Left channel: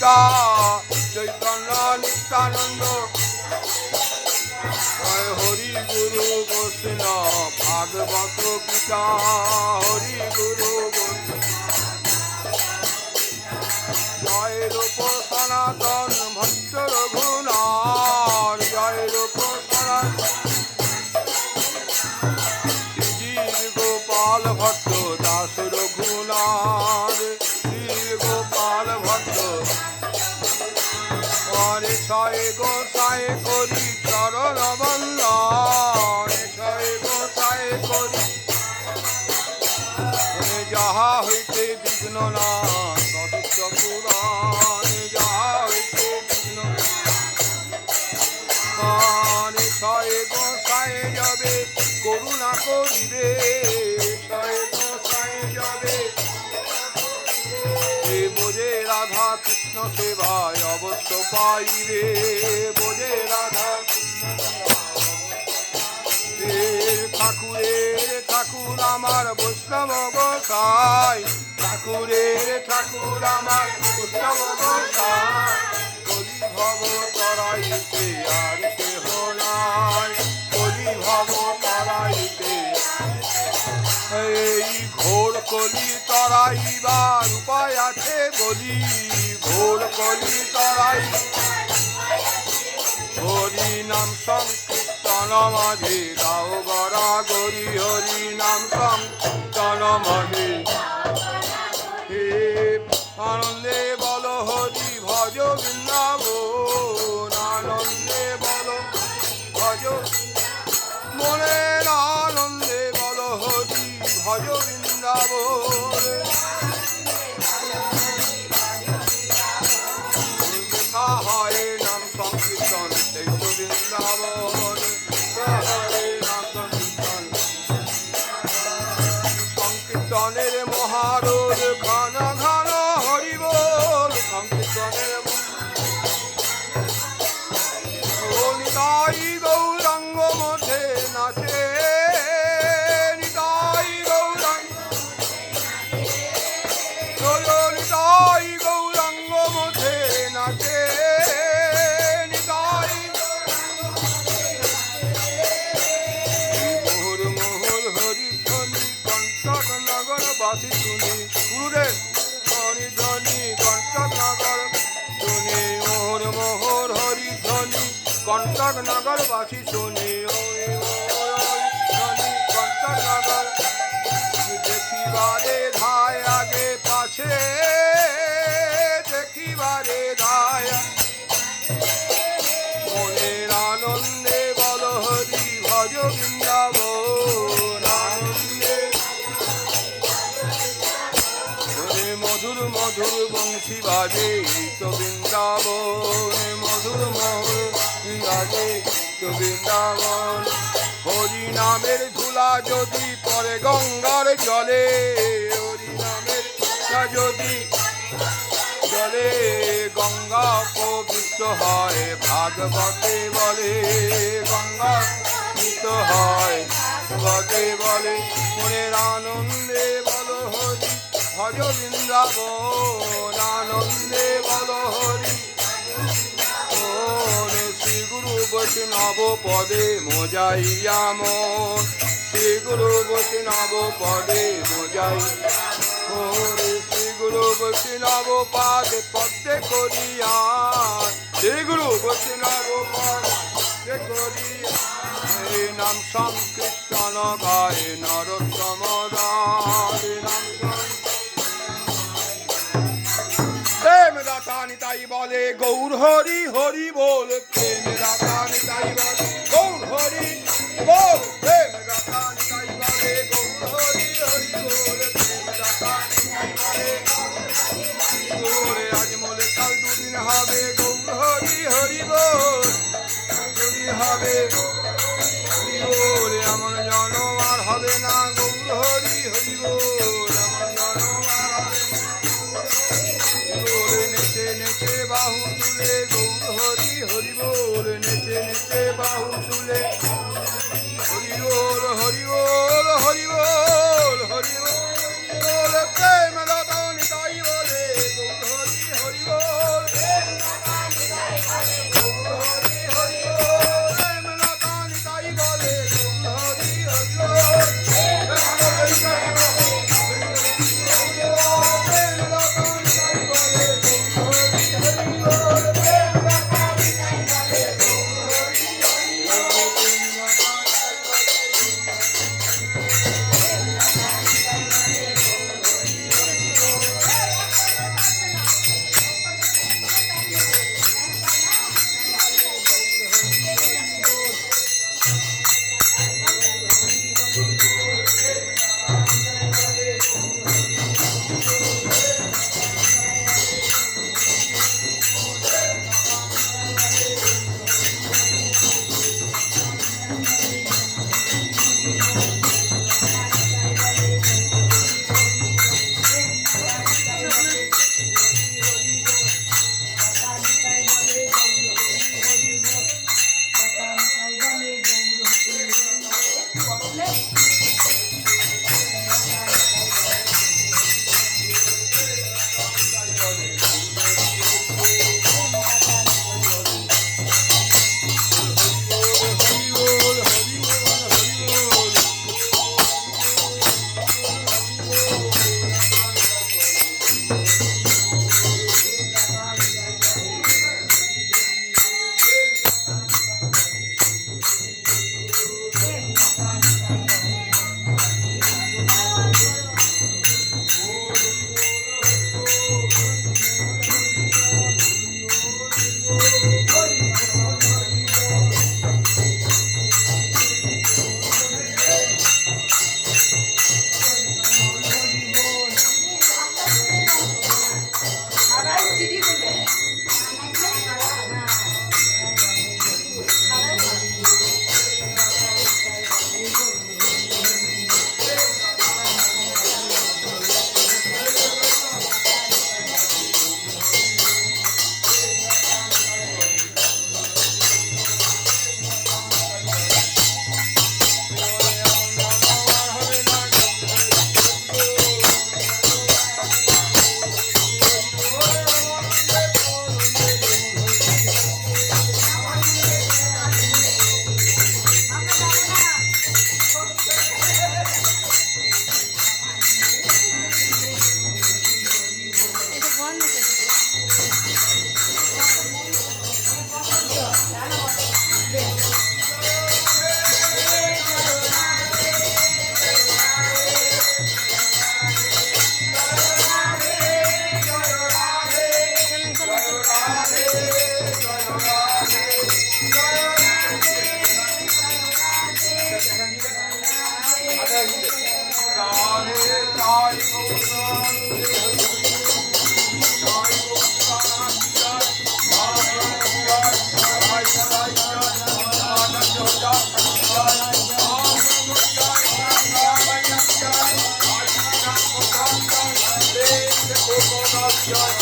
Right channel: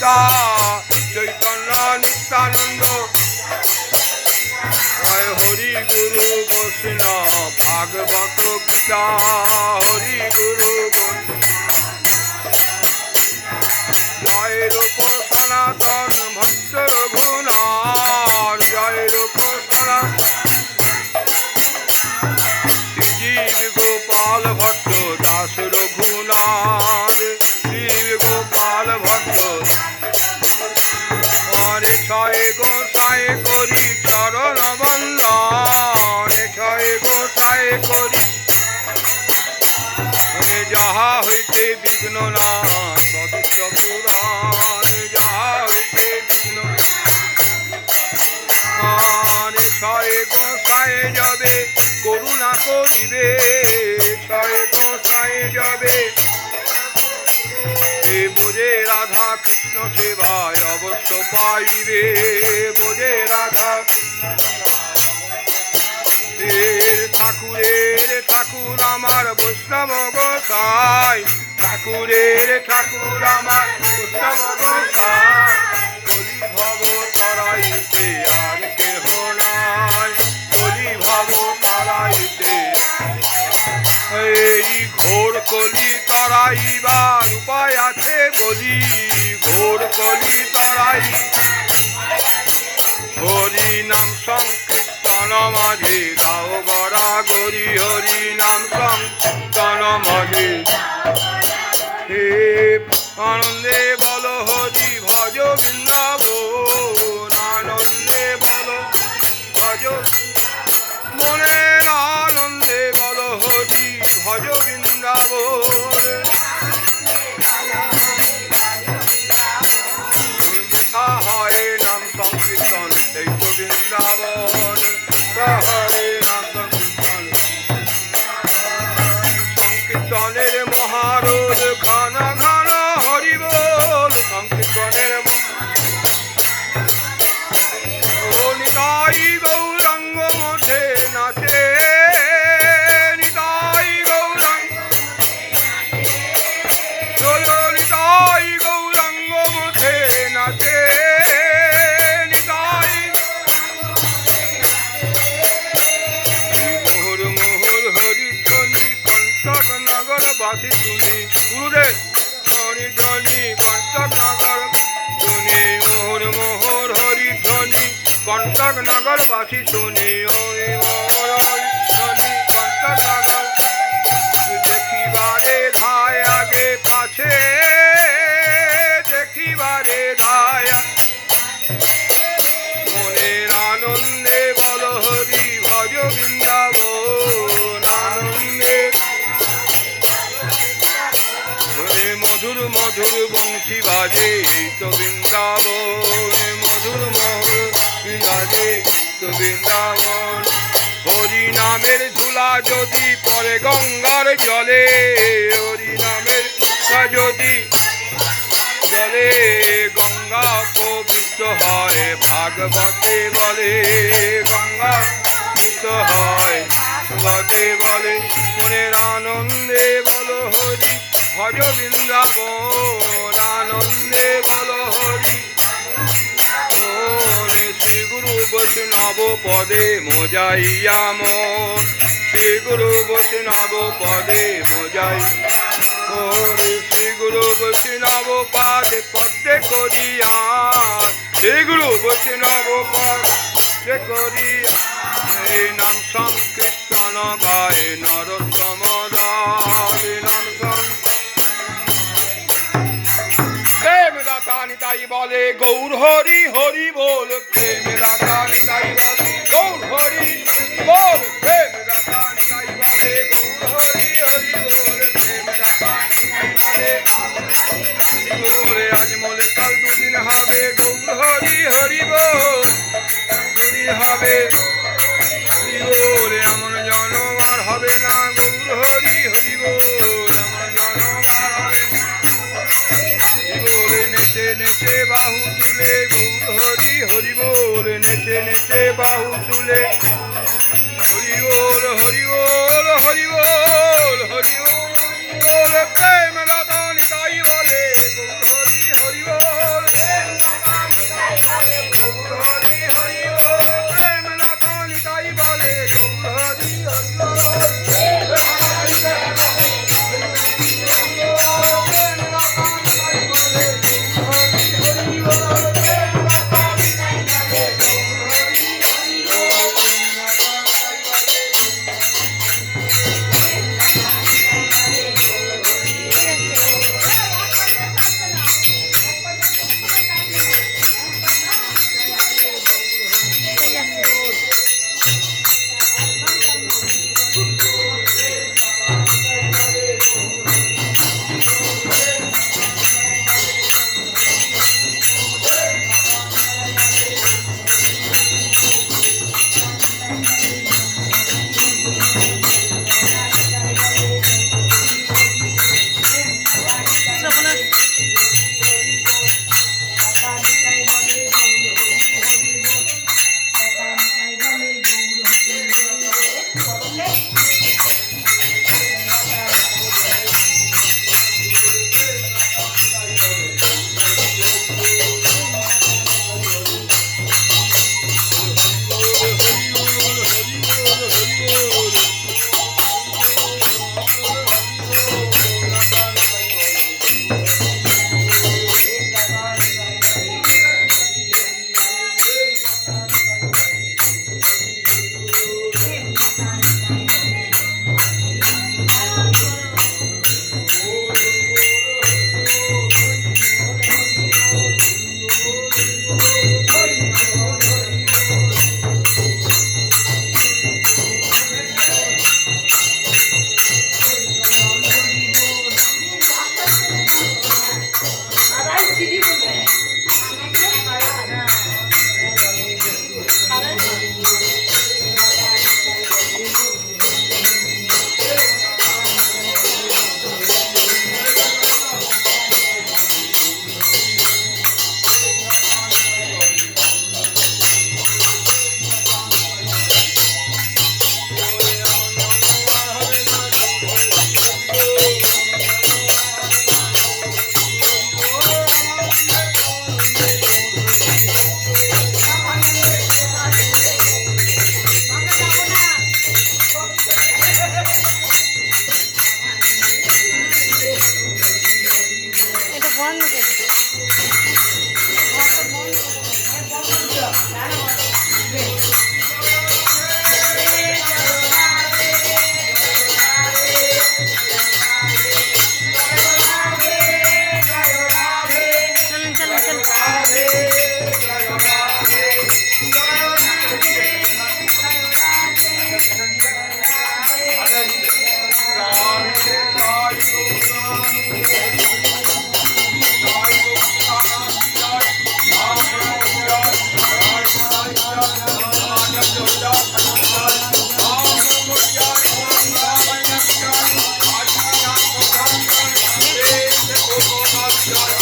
সীতা চৈতন্য নিত্যানন্দ জয় হরি গুরু বৈষ্ণ ভাগবত গীতা, হরি গুরু বৈষ্ণব। জয় রূপ সনাতন ছয় করি। যাহা হইতে বিঘ্ন না সদস্য পুরাণ যাহা হইতে বিঘ্ন ছয় গোসাই যাবে, করুণা করিবে। ছয় গোসাই যাবে। বোঝে রাধা কৃষ্ণ সেবায় অবশ্য পাইবে। বোঝে রাধা এর ঠাকুরের ঠাকুর আমার বৈষ্ণব গোসাই ঠাকুরের, ঠাকুর আমার বৈষ্ণব গোসাই কলি ভব তরাইতে আর কেহ নাই। কলি ভব তরাইতে এই ঘোর কলি তরাইবার উপায় আছে বলি। ঘোর কলি তরাই। হরি নাম সংকীর্তন মাঝে গাও গড়া গরি হরি নাম সংকীর্তন মাঝে। হে আনন্দে বল হরি, ভজ বৃন্দাবন। আনন্দে বল, ভজ মনের আনন্দে বল হরি, ভজ বৃন্দাবন। কন্টক নগরবাসী শুনি কন্টক নগর দেখিবারে ধায় আগে পাছে দেখিবারে ধায় মধুর বংশী বাজে তো বৃন্দাবন মধুর মধুর বাজে তো বৃন্দাবন হরি নামের ধুলা যদি পরে গঙ্গার জলে হরি নামের যদি জলে, গঙ্গা পবিত্র হয় ভাগবতে বলে, গঙ্গা পবিত্র হয় ভাগবতে বলে। মনের আনন্দে বলো হরি ভজ বৃন্দাবন আনন্দে বলো হরি। শ্রী গুরু বৈষ্ণব পদে মোজাইয়া মন। শ্রী গুরু বৈষ্ণব পদে মোজাই ওরে শ্রী গুরু বৈষ্ণব পাদে পদ্মে করিয়া। শ্রী গুরু বৈষ্ণব পদে করিয়া। নাম সংকীর্তন গায়ে নরোত্তম দাস দাতা নিতাই বলে, গৌর হরি হরি বল, প্রেম দাতা নিতাই বলে, গৌর হরি, বল, প্রেম দাতা নিতাই বলে, গৌর হরি হরি বল, প্রেম দাতা নিতাই বলে বলে আজ মোলে কাল দুদিন হবে, গৌর হরি হরি বল হরি হবে, হরি বলে আমার জনম আর হবে না, গৌর হরি হরি বল। নেচে বাহু তুলে গৌর হরি হরি বল। নেচে নেচে বাহু তুলে। হরি বল হরি বল হরি বল হরি বল, প্রেম Radha Var mı dedi? You're